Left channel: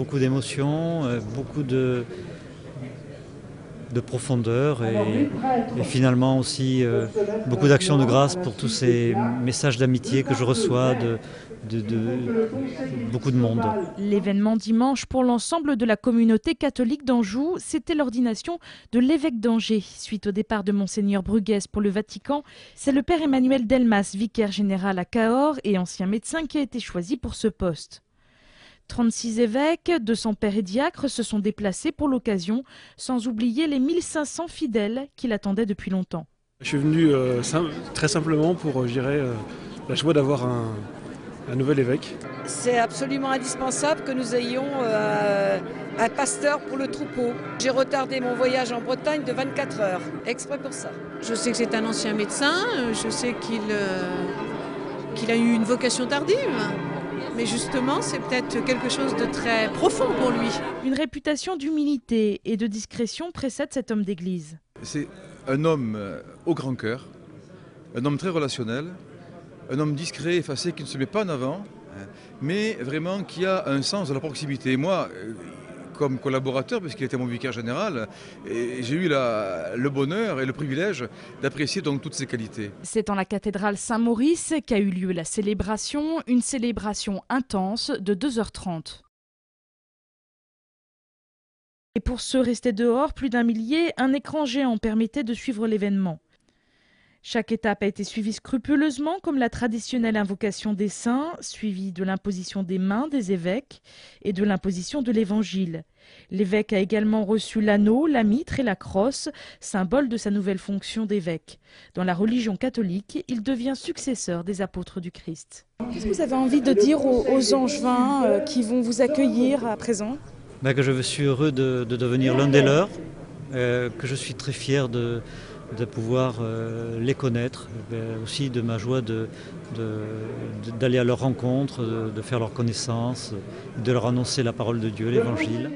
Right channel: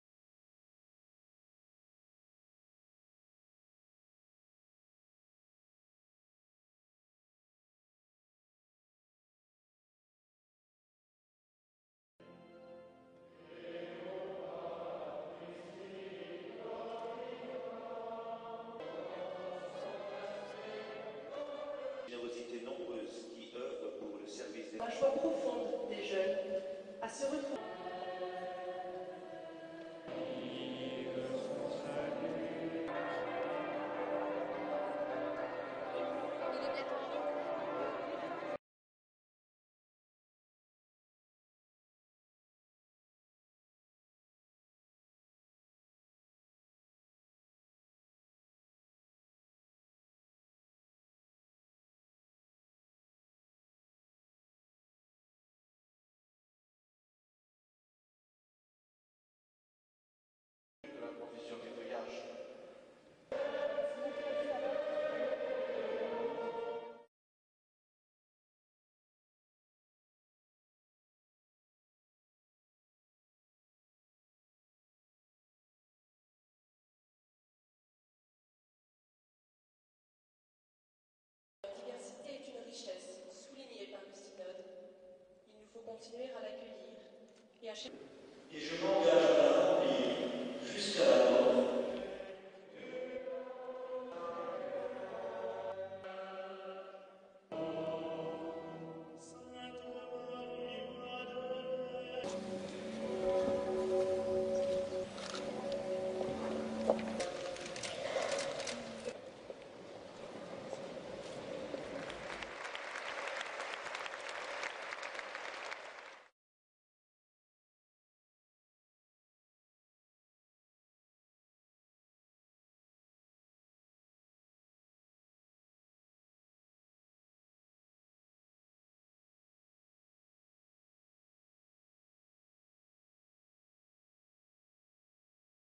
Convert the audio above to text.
Beaucoup d'émotions, beaucoup de profondeur et finalement aussi beaucoup d'actions de grâce pour tous ces messages d'amitié que je reçois de beaucoup de monde. L'événement dimanche pour l'ensemble de la communauté catholique d'Anjou, c'était l'ordination de l'évêque d'Angers. Suite au départ de Monseigneur Bruguès pour le Vatican, c'est le père Emmanuel Delmas, vicaire général à Cahors et ancien médecin, qui a été choisi pour ce poste. 36 évêques, 200 pères et diacres se sont déplacés pour l'occasion, sans oublier les 1500 fidèles qui l'attendaient depuis longtemps. Je suis venu très simplement pour, la joie d'avoir un nouvel évêque. C'est absolument indispensable que nous ayons un pasteur pour le troupeau. J'ai retardé mon voyage en Bretagne de 24 heures, exprès pour ça. Je sais que c'est un ancien médecin, je sais qu'il a eu une vocation tardive. Mais justement, c'est peut-être quelque chose de très profond pour lui. Une réputation d'humilité et de discrétion précède cet homme d'église. C'est un homme au grand cœur, un homme très relationnel, un homme discret, effacé, qui ne se met pas en avant, mais vraiment qui a un sens de la proximité. Moi, comme collaborateur, parce qu'il était mon vicaire général, j'ai eu le bonheur et le privilège d'apprécier donc toutes ses qualités. C'est en la cathédrale Saint-Maurice qu'a eu lieu la célébration, une célébration intense de 2h30. Et pour ceux restés dehors, plus d'un millier, un écran géant permettait de suivre l'événement. Chaque étape a été suivie scrupuleusement, comme la traditionnelle invocation des saints, suivie de l'imposition des mains des évêques et de l'imposition de l'évangile. L'évêque a également reçu l'anneau, la mitre et la crosse, symbole de sa nouvelle fonction d'évêque. Dans la religion catholique, il devient successeur des apôtres du Christ. Qu'est-ce que vous avez envie de dire aux Angevins qui vont vous accueillir à présent ? Que je suis heureux de devenir l'un des leurs, que je suis très fier de pouvoir les connaître, aussi de ma joie d'aller à leur rencontre, de faire leur connaissance, de leur annoncer la parole de Dieu, l'Évangile.